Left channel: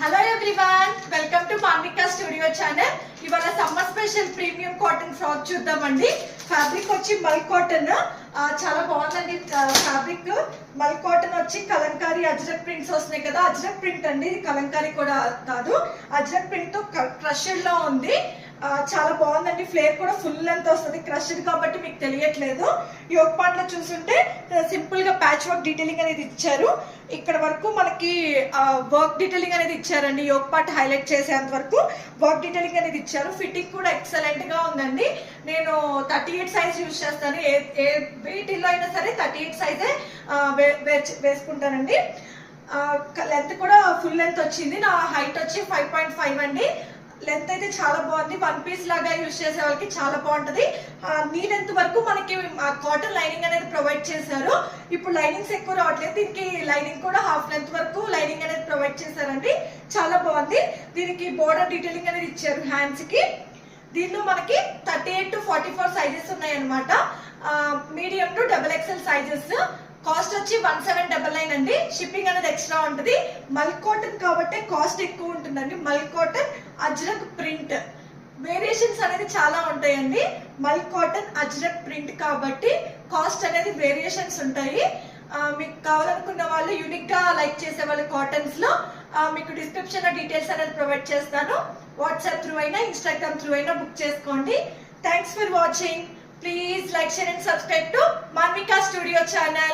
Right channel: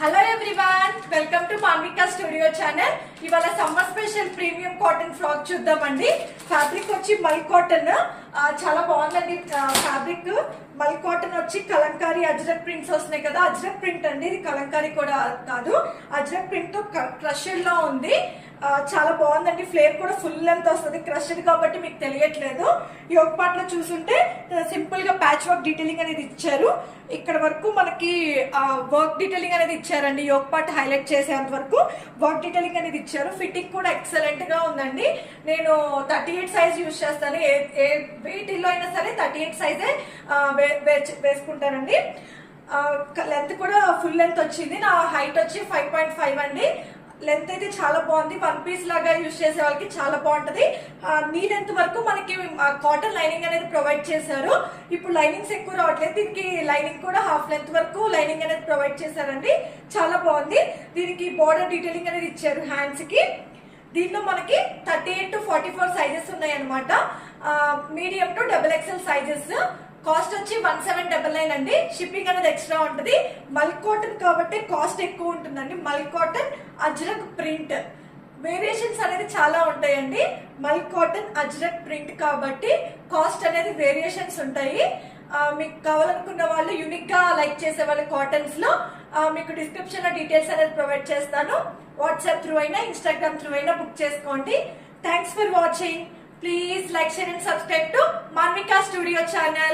Hello everyone, welcome to Manvika studio channel. ఇవాళ summer special premium cotton frock చూద్దామండి. Fabric వచ్చి mul cotton, చాలా బాగుందండి. ఫ్యాబ్రిక్ మల్ కాటన్ వచ్చి కలంకారీ అజ్రక్ ప్రింట్స్ వస్తున్నాయి కదా, అజ్రక్ ప్రింట్ అండి ఇది, కలంకారీ కూడా కాదు. అజ్రక్ ప్రింట్ తో క్రషెడ్ లో ఉంది. చాలా బాగుందండి. ఫ్లేర్ కూడా ఫుల్ లెంత్ వస్తుంది, క్రష్డ్ కాబట్టి మీకు తెలియట్లేదు. యోగ్ పార్ట్ లో చూసుంటే సింపుల్ గా ప్యాచ్ వర్క్ డీటెయిలింగ్ అనేది ఇచ్చారు. ఇక్కడ వరకు మనకి వర్క్ డీటెయిలింగ్ అనేది ఇచ్చారండి. యోగ్ పార్ట్ హైలైట్ చేసేంత వరకు వర్క్ డీటెయిలింగ్ అనేది ఇచ్చారు. ఫిట్టింగ్ కూడా ఎక్సలెంట్ గా ఉందండి. నేను 38 సైజ్ యూజ్ చేస్తాను. ఏ వెయిట్లో అయినా సరే 38 సైజే వేసుకుంటానండి. లెంత్ కూడా ఫుల్ లెంత్ వచ్చింది. నా హైట్ వచ్చి 5.5 అండి. లెంత్ అయితే చాలా బాగుంది. వన్ పీస్ లాగా యూజ్ చేసే వాళ్ళకి చాలా బాగుంటది. నీ లెంత్ వరకు మనకి కాటన్ లైనింగ్ అనేది ప్రొవైడ్ చేశారు. ఇప్పుడు లైనింగ్స్ ఎక్కువ రావట్లేదు, దీనికి లైనింగ్ కూడా హాఫ్ లెంత్ వరకు లైనింగ్ అనేది ప్రొవైడ్ చేశారండి. చాలా బాగుంది. దీనికి బోర్డర్ డీటెయిలింగ్ అనేది ఇచ్చారు హ్యాండ్స్ కి. దీనిలో మనకి 38 to 44 సైజెస్ ఉన్నాయి అనమాట. Medium to XXL sizes. Cost వచ్చి 1799 అండి. షిప్పింగ్ అనేది ఎక్స్ట్రా ఉంటుంది. మల్ కాటన్ కాబట్టి కాస్ట్ ఎక్కువ ఉంటుందండి. మల్ కాటన్ అజ్రక్ ప్రింట్ వేరియేషన్స్ అనేది చాలా ఉంటాయండి. మల్ కాటన్ అజ్రక్ ప్రింట్ కాబట్టి కాస్ట్ అనేది వేరియేషన్స్ ఉంటాయి. మీకు కావాలనుకున్న వాళ్ళు, యూనిక్ గా లైక్ చేసే వాళ్ళు కాటన్స్ లో మీకు డిస్క్రిప్షన్ లో డీటెయిల్స్ అనేది ప్రొవైడ్ చేస్తాను. వాట్సాప్ త్రూ అయినా ఇన్స్టాగ్రామ్ త్రూ అయినా బుక్ చేసుకోండి. Thanks for watching. Please like, share and subscribe to Manvika Studio channel.